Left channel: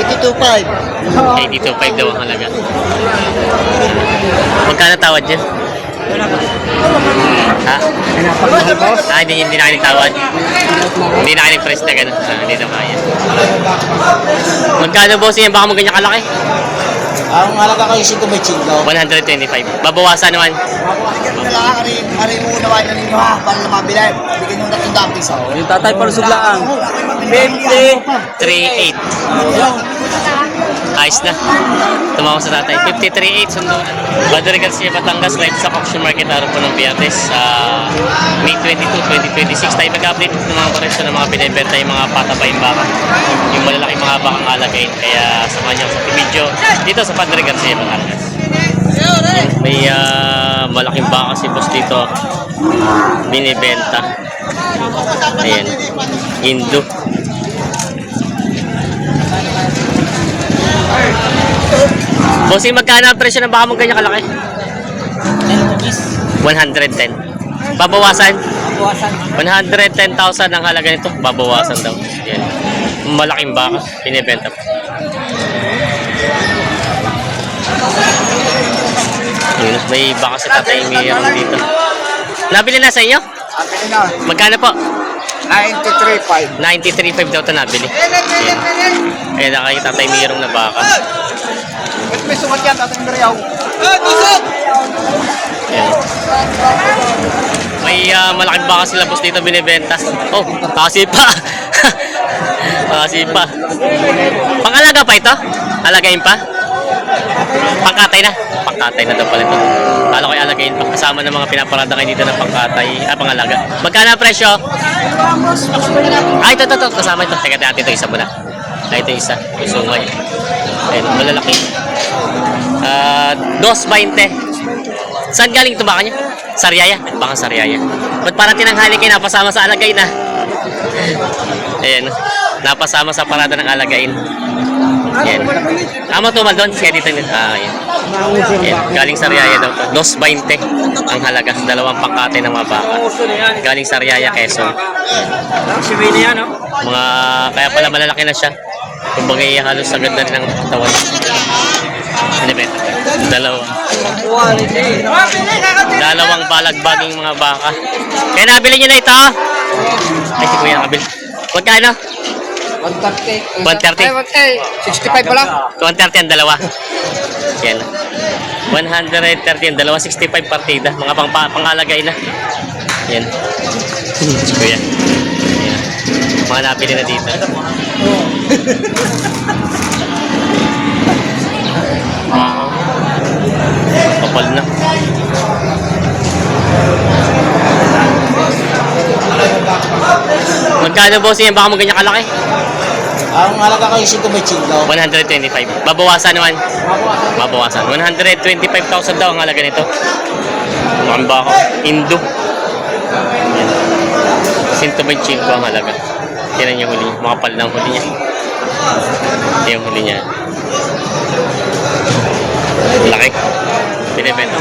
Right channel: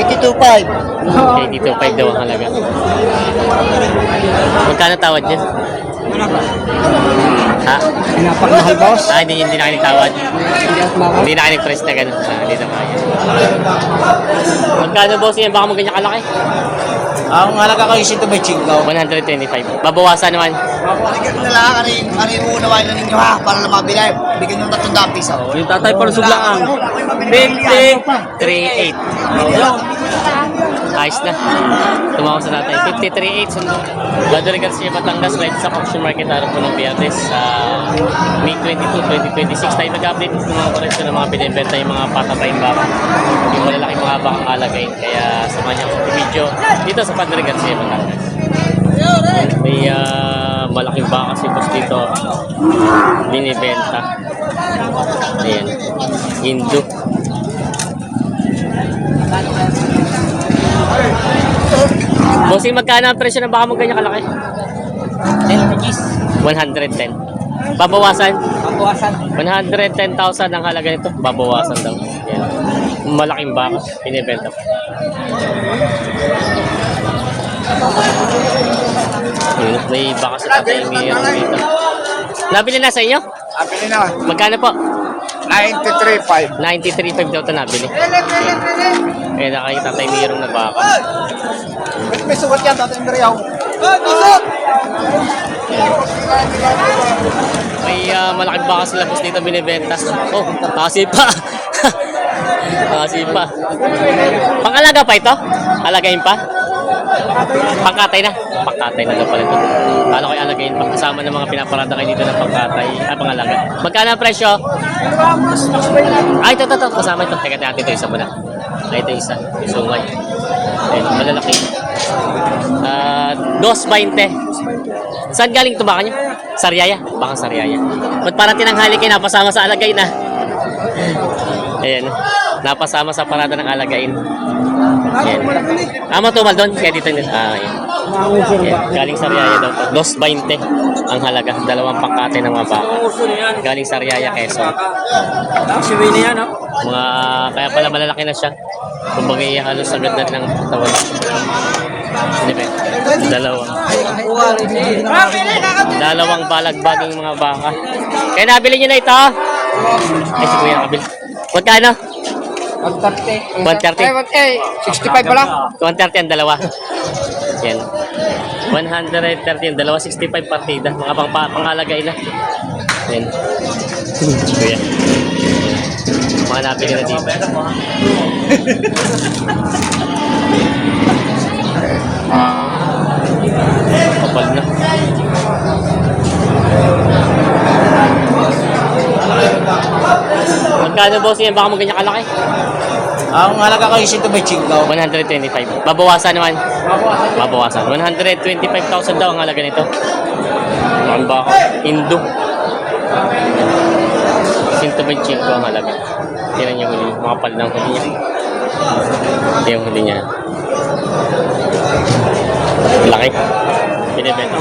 82.5. 82.5 daw ang halaga. Magkano tawad dyan? Ha? Hindi na kayo nagtawad. Hindi na kayo nag-press na gano'n. Hindi na kaya. Magkano boss yan? Baka mo ganyan kalaki? Ang halaga ko yung 125. Babawasan naman. Bigyan na lang, ari uunawain na ninyo ha, para lang mabila. Bigyan nyo na 300 piso. Yung tatay palusog lang ang 53.8. Ayos na. Tumawag sa tatay. 53.8 sundo na. Badori Garcia, Batangas, live sa auction market araw po ng Biyernes sa May 22, 2026. Tayo mag-update ng mga presyo ng mga binibenta yung mga patabayang baka. Yung malalaking mga bakang alagayin. Kaya samahan niyo sa video dito sa Badori Garcia, Batangas. May malaking baka si boss dito binibenta. Ayan, Indo. Bossing, magkano ang presyo ng baka mong ganyan kalaki? 110. Babawasan? 110,000 ang halaga nito. Babawasan daw. Ayan, malaking baka binibenta. May baka si Tatay Mirang dito. Nabili na sa inyo? Nabili na. Magkano po? 93.5. 93.5 daw ito nabili. Ayan. Ayan na kay Tatay Mirang na baka. May sukat yan, tatang Dariyaw. Ayan. May malaking baka sila boss dito binibenta. Oh, kasi pa. Kasi pa. Pangalaga pa ito? Alagayin pa? Pangkatay na? Pangkatay na daw pala ito. Kala ko alagayin pa. Kasama ng mga pinaparada kayo dito ng pangkatay. Pangalaga. Magkano ang presyo? Ay, ito. Kasama ito. Teka natin ito. Isa muna. Ay, ito isa. Sungay. Ayun, malalaki. 2.20. Saan galing ito baka niya? Sariaya? Baka Sariaya. Ba't parang tinanghali kayo napasama sa alagayin na? Ayan. Napasama sa parada ng alagayin. Ayan. Matumal doon. Kaya dito. Ayan. Ayan. Galing Sariaya daw to. 2.20 ang halaga. Dalawang pangkate ng mga baka. Galing Sariaya, Quezon. Mga, kaya pala malalaki na siya. Kumbaga halos agad na rin ang katawan. Dalawang balagbaging mga baka. Kaya nabili nyo na ito. Ay, si Kuya nakabili. Magkano? 130. 130. 65 pala. 130 ang dalawa. Yan. 130 ang dalawa. 65 partida. Mga pangalagay na. Yan. Si Kuya. Yan. Mga nabili na dito. Kapal na. Magkano boss yan? Baka mo ganyan kalaki? Ang halaga ko yung 125. Babawasan naman. Babawasan. 125,000 daw ang halaga nito. Mukhang baka. Indo. Yan. 125 ang halaga. Tinan niya huli. Makapal na ang huli niya. Ito yung huli niya. Laki. Pinibenta.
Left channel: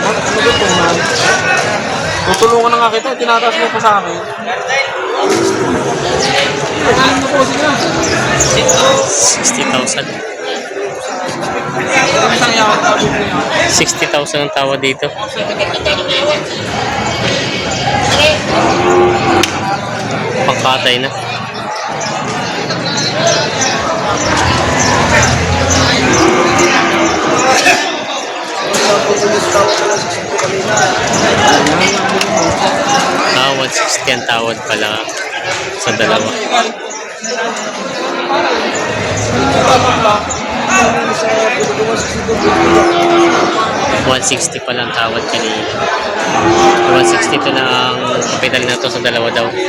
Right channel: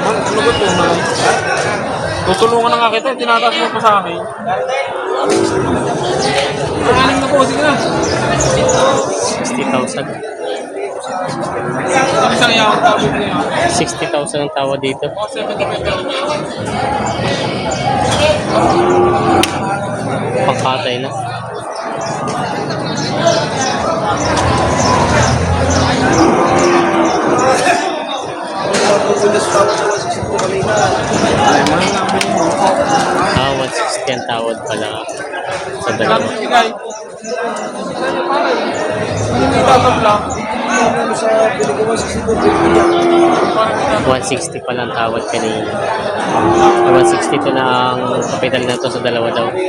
tutulungan na nga kita, tinataas mo pa sa akin. Magaling na po, sige na. 60,000. 60,000 ang tawa dito. Pangkatay na. Ah, 160 ang tawad pala sa dalawa. 160 pala ang tawad kanina. 160 to na ang kapital na to sa dalawa daw. Hindi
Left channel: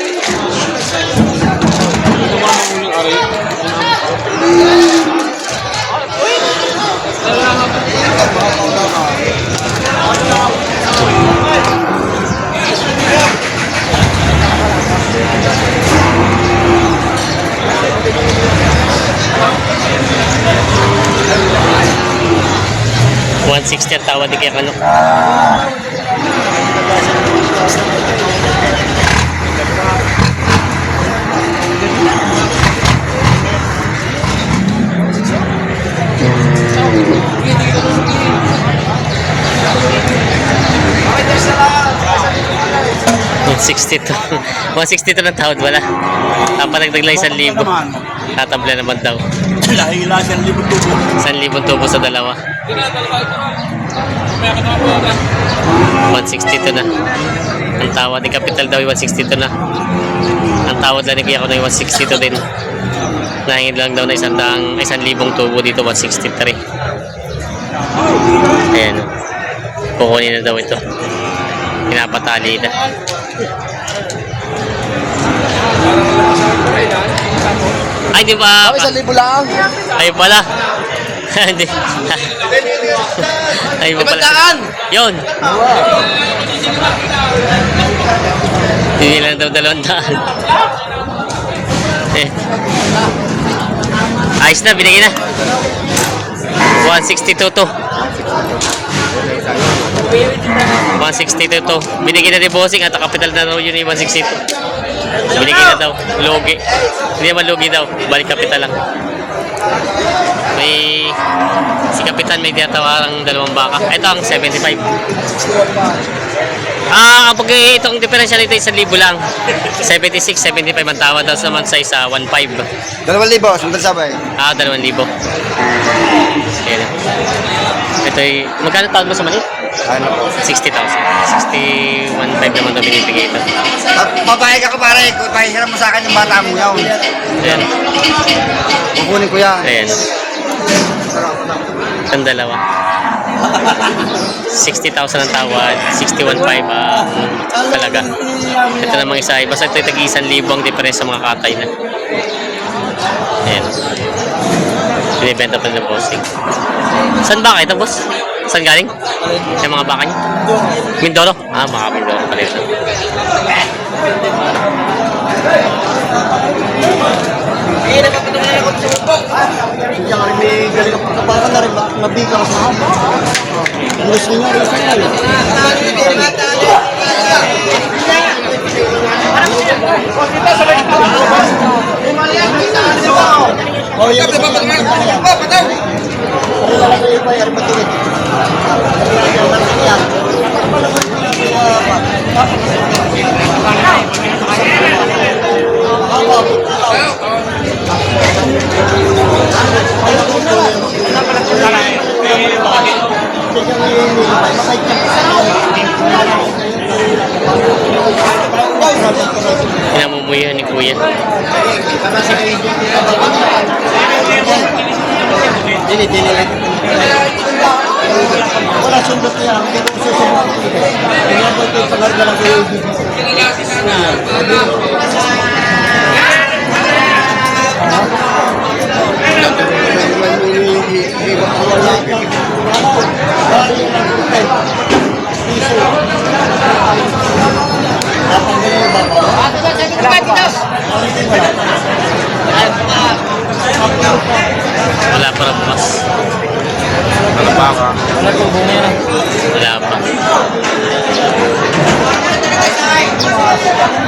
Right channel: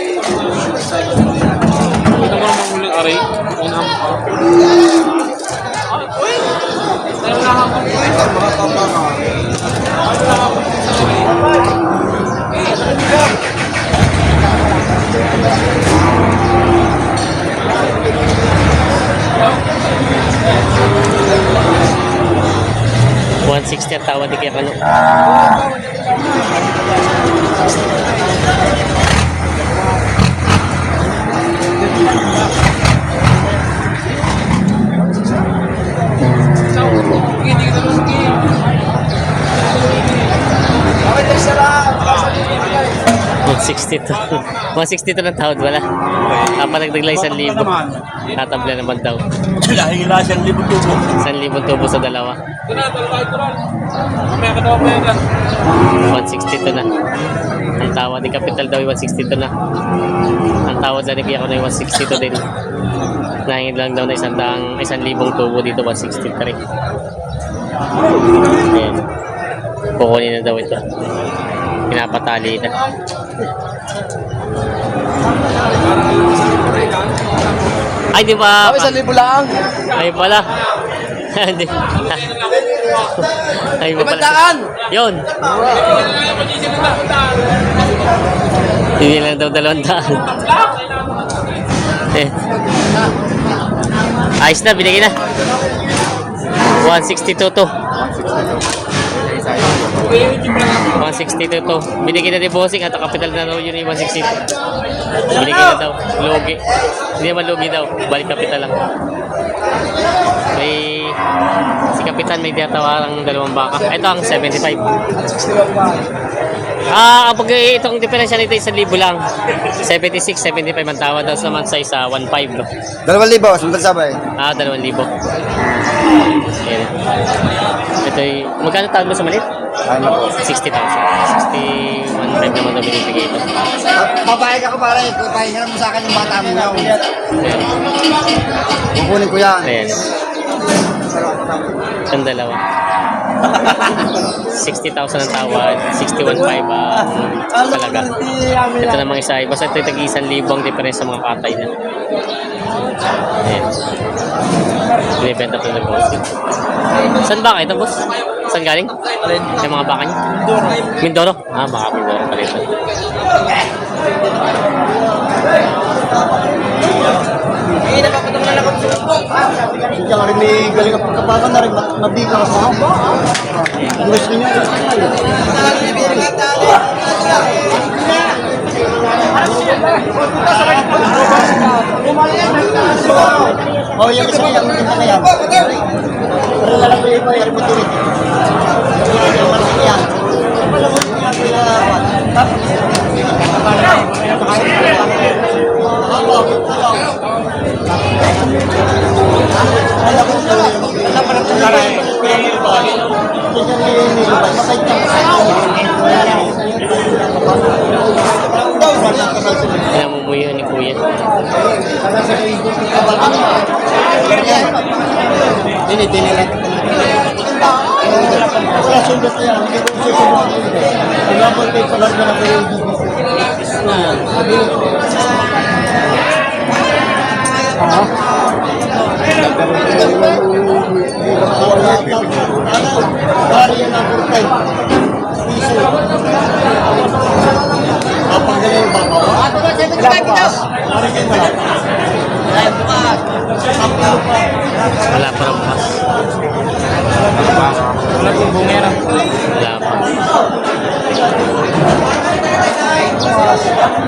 naman manguling aray. 160 ang tawad ni Kuya Kano. 162. 162 ng tawad, wala. Papadagdag lang 1,000. Tatabla naman daw. Dahil lang 1,000 tubo. 1,000 tubo sa dalawa. 162 na. Ang tawad ni Capital daw ay 162 na. Ang tawad lang ni Kuya ko na 162 din. Nahingin lang daw na 1,000 tubo dito, 163. Ayan. Kukunin na daw ito. Pinapatali na. Ay, di ba? 1,000 lang. Ay, pala. Hindi. Ay, ba pala. Yun. Hindi lang daw 200. Eh. Ayos na, binigay na. 162 to. 162 to. Binigay na ni Bossing at Capital na raw yun yung 162. Binigay na daw. Logi. Hindi naman logi daw. Balik Capital lang. May si Kapitan may tinatawarang 2 baka. Ito ang 75. Kapag itong diferensya nito 1,000 lang. 76, 75 ang tawad daw naman sa isa 1,500. 2,000, sundal sabay. 2,000. Ayan. Ito ay magkano tawad mo sa manit? Ano po? 60,000. 61,500 naman daw binibigay ito. Papayag ako pare, pahiram mo sa akin yung bata mo yun. Ayan. Kukunin ko yan. Ayan. Ang dalawa. 60,000 ang tawad, 61,500 talaga. Ito namang isa, basta ito tag 1,000 ang diferensya sa mga katay na. Ayan. Binibenta pa ng bossing. Saan ba kayo ito, boss? Saan galing? Yung mga baka niya? Mindoro. Baka Mindoro pala ito. Siya nga rin may galing ang pagkapakan na rin mabigas na. Gulis niya rin. Oh, yan ba ba? Pinamumuyan ni Kuya. Wala sundot niya. Pero susunod ko ito. Pinabal ko yung palarga na kayo. Wala pa rin bukas. Wala pa.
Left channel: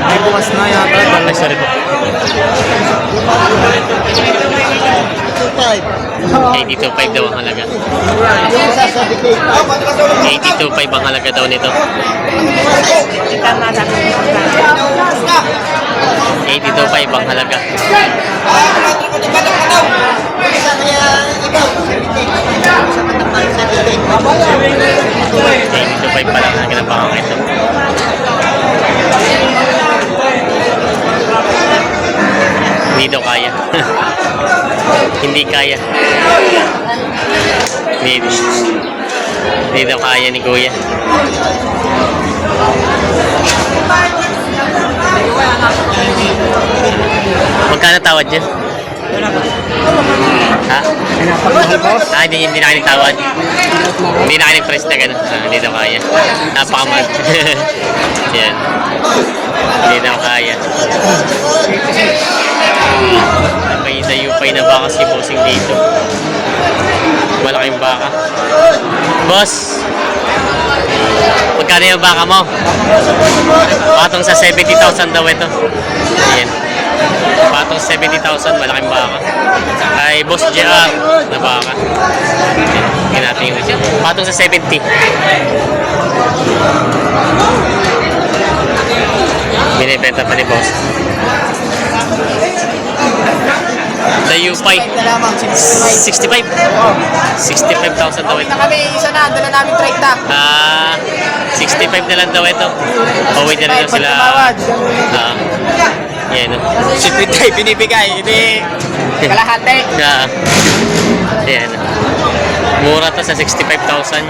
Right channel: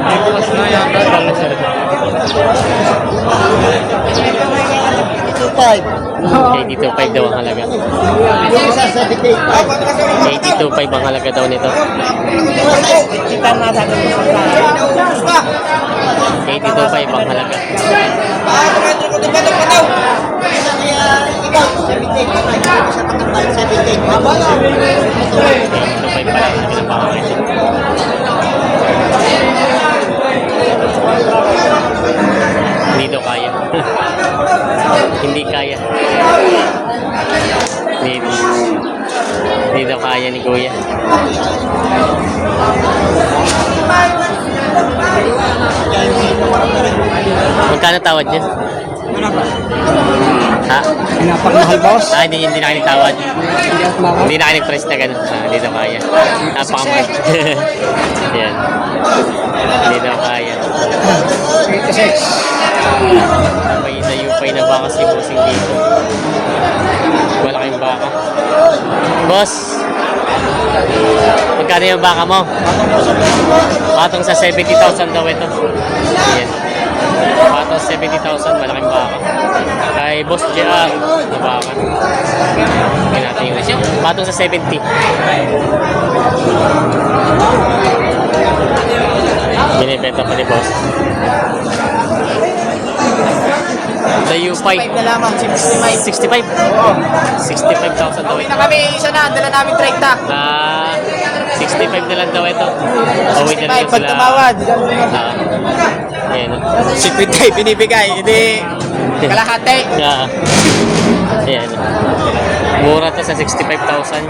Ay, bukas na yan. Ay, sorry po. 82.5 daw ang halaga. 82.5 ang halaga daw nito. 82.5 ang halaga. 82.5 pa lang halaga ng bakang ito. Hindi daw kaya. Hindi kaya. Hindi daw kaya ni Kuya. Magkano tawad niya? Ha? Hindi na kayo nagtawad. Hindi na kayo nag-press na gano'n. Hindi daw kaya. Napakamahal. Yan. Hindi daw kaya. May dayupay na baka si Bossing dito. Malaking baka. Boss! Magkano yung baka mo? Patong sa 70,000 daw ito. Ayan. Patong 70,000, malaking baka. Kay Boss JR na baka. Ayan natin yung patong sa 70. Binibenta pa ni boss. Sa Yupay. Na lamang, 65. 65,000 daw ito. kami isa na, dala namin 30. 65 na lang daw ito. Pauwi na rin daw sila. Yan. Si Pitoy binibigay, hindi kalahati. Yan. Mura to sa 65,000.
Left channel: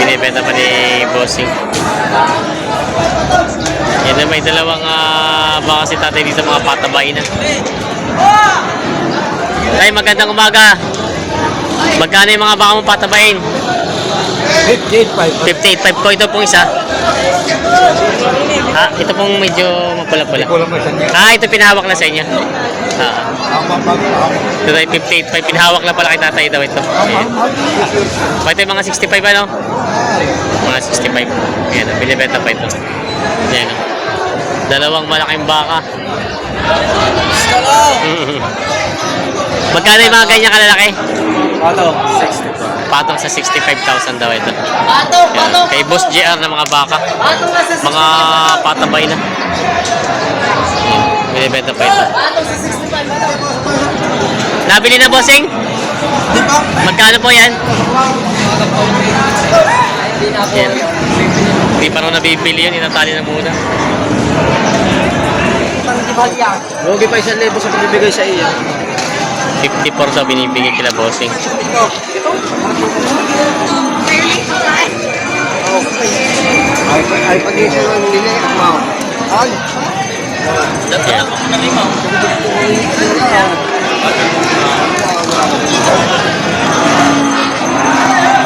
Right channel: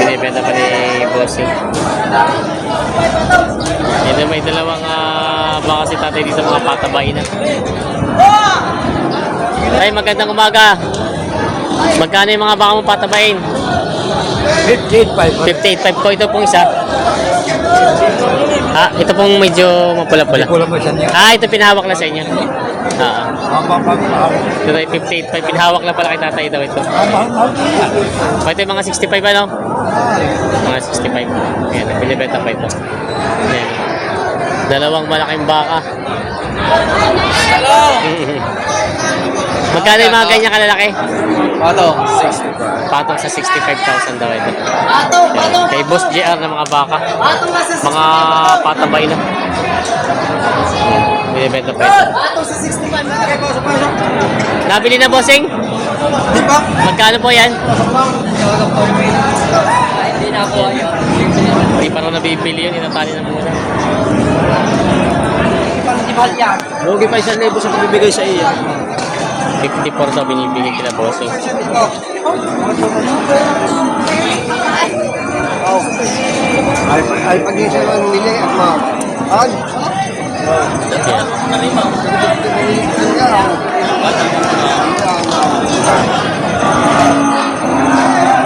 Binibenta pa ni Bossing. Yan na, may dalawang baka si tatay dito, mga patabay na. Tay, magandang umaga. Magkano yung mga baka mong patabayin? 58.5 po. Ito pong isa. Ito pong medyo mapula-pula. Ito pinahawak na sa inyo. Ito tayo 58.5. Pinahawak na pala kay tatay daw ito. Ayan. Ito yung mga 65 ano? Mga 65. Ayan, binibenta pa ito. Ayan. Dalawang malaking baka. Magkano yung mga ganyan kalalaki? Patong sa 65,000 daw ito. Yan. Kay Boss JR na mga baka. Mga patabay na. Yan. Binibenta pa ito. Nabili na, bossing? Magkano po yan? Yan. Hindi pa rin nabibili yun. Inatali na muna. Huwag pa 1,000 sa bibigay sa iyo. 54 daw binibigay kila bossing. Ay, pag-isa lang nila ako. Yan.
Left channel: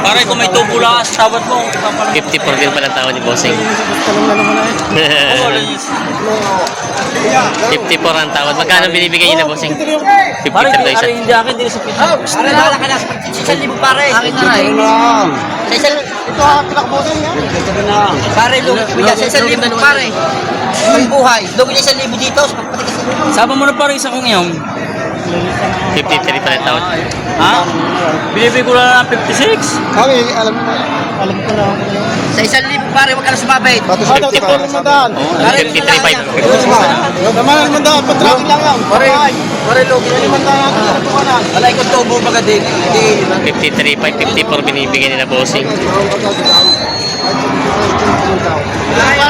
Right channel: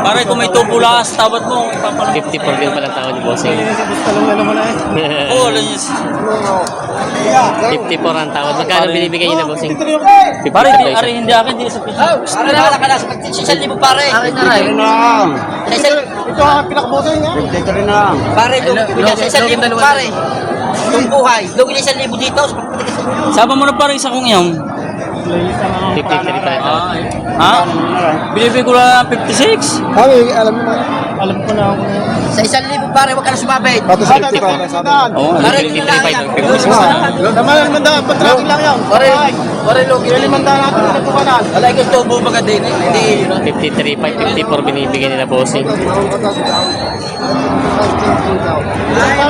Pare, kung may tubo lang sa tawad mo. 54 din pala tawad ni bossing. 54 ang tawad. Magkano binibigay niyo na bossing? 53 Pare, daw isa. hindi akin, hindi sa pito. Pare, wala ka na. 1,000 pare. Ito ang pinakabosing niya. Ito rin lang. Pare, bigyan sa 1,000 pare. Yung buhay. Doon 1,000 dito. Sama mo na pare isa kong iyong. 53 pala tawad. Ha? Binibigay ko na 56. Kami, alam ko na ako. Sa 1,000 pare, huwag ka na sumabit. 54. Oo. 53.5. Naman, mandaan. Patracking lang yan. Pare, logi. Yung mandaan natin na po kanan. Alay ko tubo mga din. Hindi. 53.5, 54 binibigay nila bossing.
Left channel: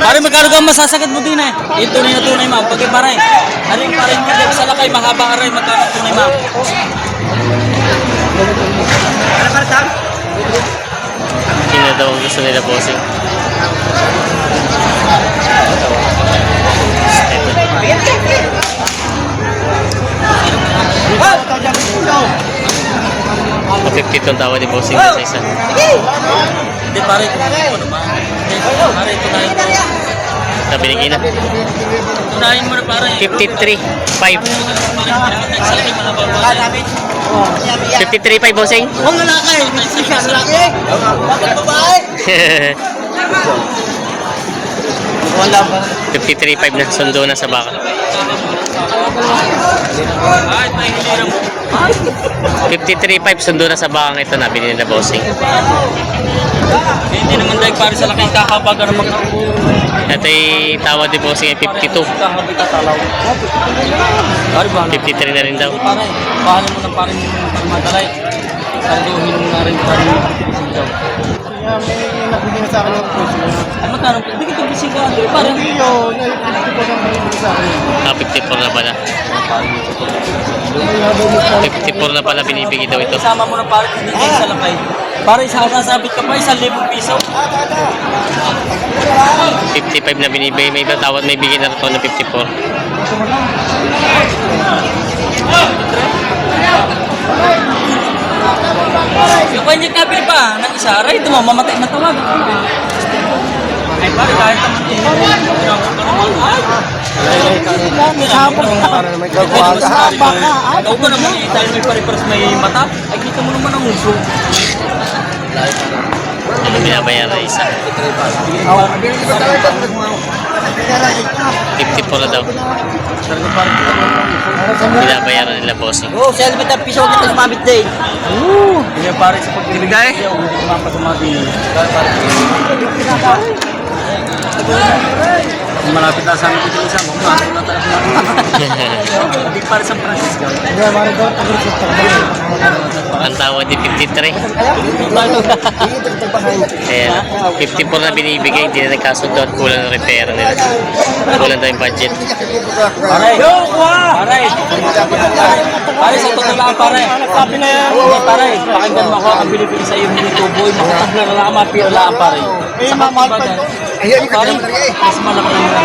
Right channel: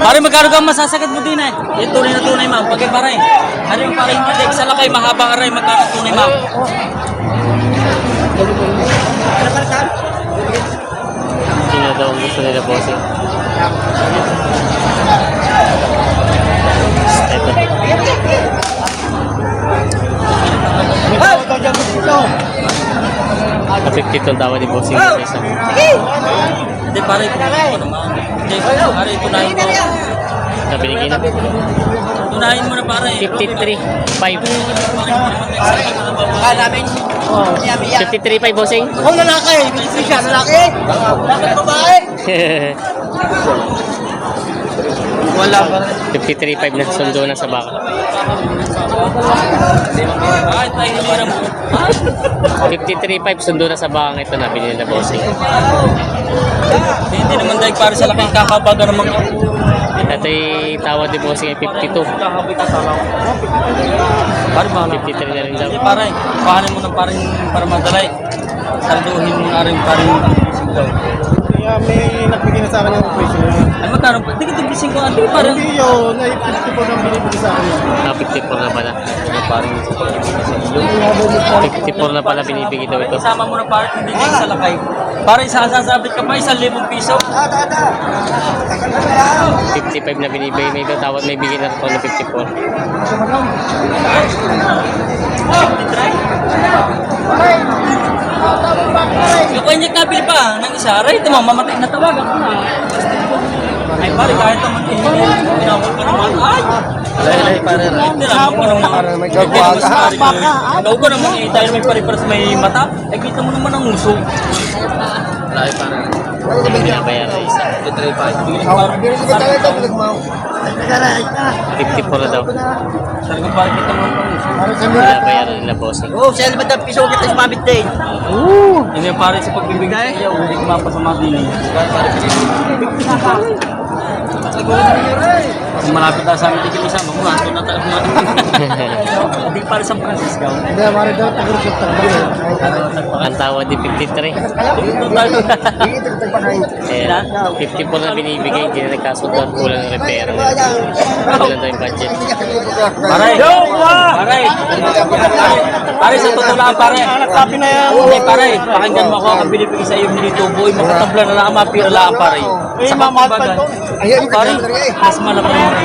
Pare, magkano ka masasagad mo din eh? Yung tunay ma'am. Pag pare, ano yung pare hindi sa lakay, mahabang aray, magkano tunay ma'am? Yun na daw ang gusto nila bossing. Ito. 52 ang tawad ni bossing sa isa. Hindi pare, ano ma'am? Hindi pare, ito tayo. Binigay na. Tunahin mo na pare. 53.5. namin. 53.5 bossing. Kung lalaki, siya lalaki. Bakit babae? Wala ba? 53.5 na. Sundo na sa baka. 53.5 sundo na sa bakang ito na binili na bossing. Hindi naman dahil pare sa lakay, kakabaga naman ako. Ito ay tawad ni bossing ay 52. 53 na rin daw. Pare, pahanin mo ng pare para madalay. Salduhin mo na rin pare yung daw. Kaya may nagbigay na sa akin ng presyo niya. Ano magkano? Hindi ka tigising ka. Hindi parang... Hindi yun. Ay, 50 po ang binibigay sa akin. 54 na pala. Pare yung sa pag-ibig sa ilo. 54 na pala binibigay daw ito. Isama mo na pare kung hindi sa lakay. Pare, sasabit ka pa 1,000 piso. 55 na binibigay. May iba tawad may bigay na ito na 54. Yung kanya nabili pa ng isa, aray, ito mamatay na tawag. Ay pare, kahit naman din. Dapat pa naman. Ay! Pare. Dapat pa naman. Ikaw ba naman eh, dahil may pare-pares may mata, ay kita mo naman ang uso. Ano binabayaran na isa? 54 na daw. Binabayaran nila bossing. Oh, 1,000 piso dito sa mabit din. May pare sa pagbibigay, hindi ko mapasama din. Malapit na sa amin dito isa. Murato na tayo na. Hindi para sa Francisco. Hindi, mara daw, tagurusot Ang tawad di 53. Kaya 54 na binibigay, hindi na nagkasundo at kulang ng repair nila. Kulang daw yung budget. Pare! Pare! Pare, sa totoo lang, pare. Sabi na yan. Hindi, pare. Pakinggan mo ako. Ang binibigay sa iyo, hindi tuboy. Makatabla na lang, mapira lang, pare. Sa kapagbagan. Pare, mas malaki naman.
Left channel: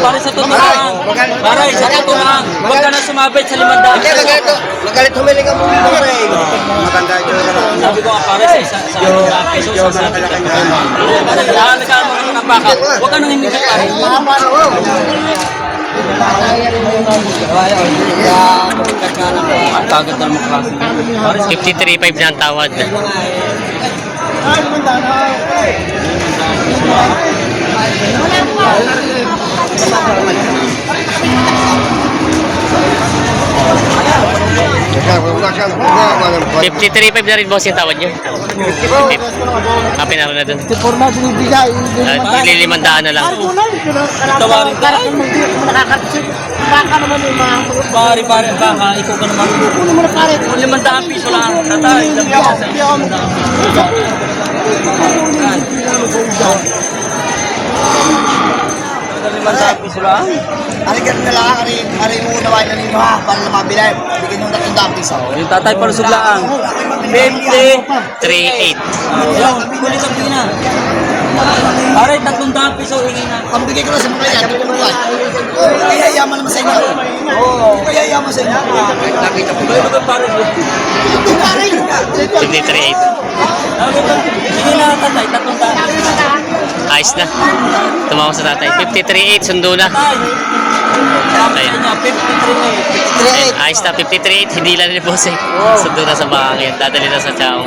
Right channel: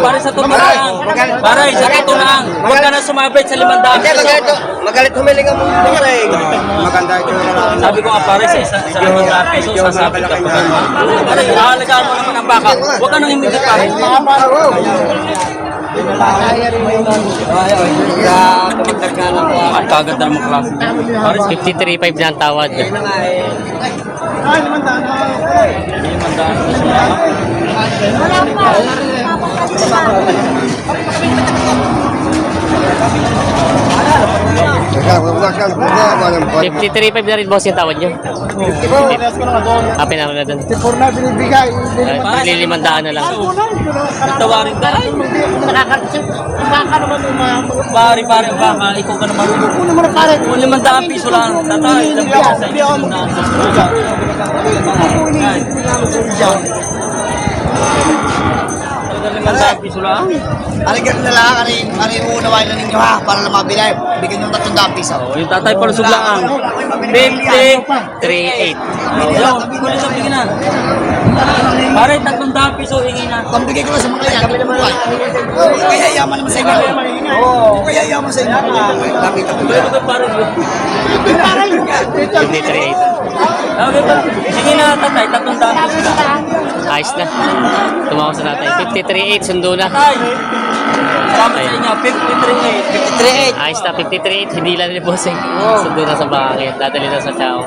Pare, sa totoo lang. Pare, sa totoo lang. Huwag ka na sumabit sa 500. Magalit humiling ang mundo eh. Maganda ito. Sabi ko nga pare, sa 500 pesos, sasabit ka pa. Pare, alagaan mo naman ang baka. Huwag ka nang himigit, pare. Ang kagad na mga klase. Pare, 53.5 na ang tawad. $53.5 na rin boss yung tawad nyo. Pinaro na dun. Forma binibigay. Lilimandaan na lang. tawarin ka. Pare, pare, baka, ikaw ka naman. Ano naman pare? 500 piso lang. Tatay, ilang piso sa iyo. Piso lang. Aligar na lang, ari mo unawain na ninyo ha, para lang mabila. Bigyan yung 300 piso. Yung tatay palusog lang ang 50. 3.8. Ayun, kulit ka bigyan na. Pare, 300 piso hingi na. Pambigay ko lang sa mga kanya, kaya yaman naman sa inyo. Kaya yaman sa inyo. Pare, 53.8. hingi na tatay, 300 piso. Ayos na. Tumawa sa tatay. 53.8. Sundo na. Tatay, salamat sa inyo, 53. Ayos na. 53.8. Hindi lang ni boss eh. Sundo na sa bangin. Dadali na sa chow.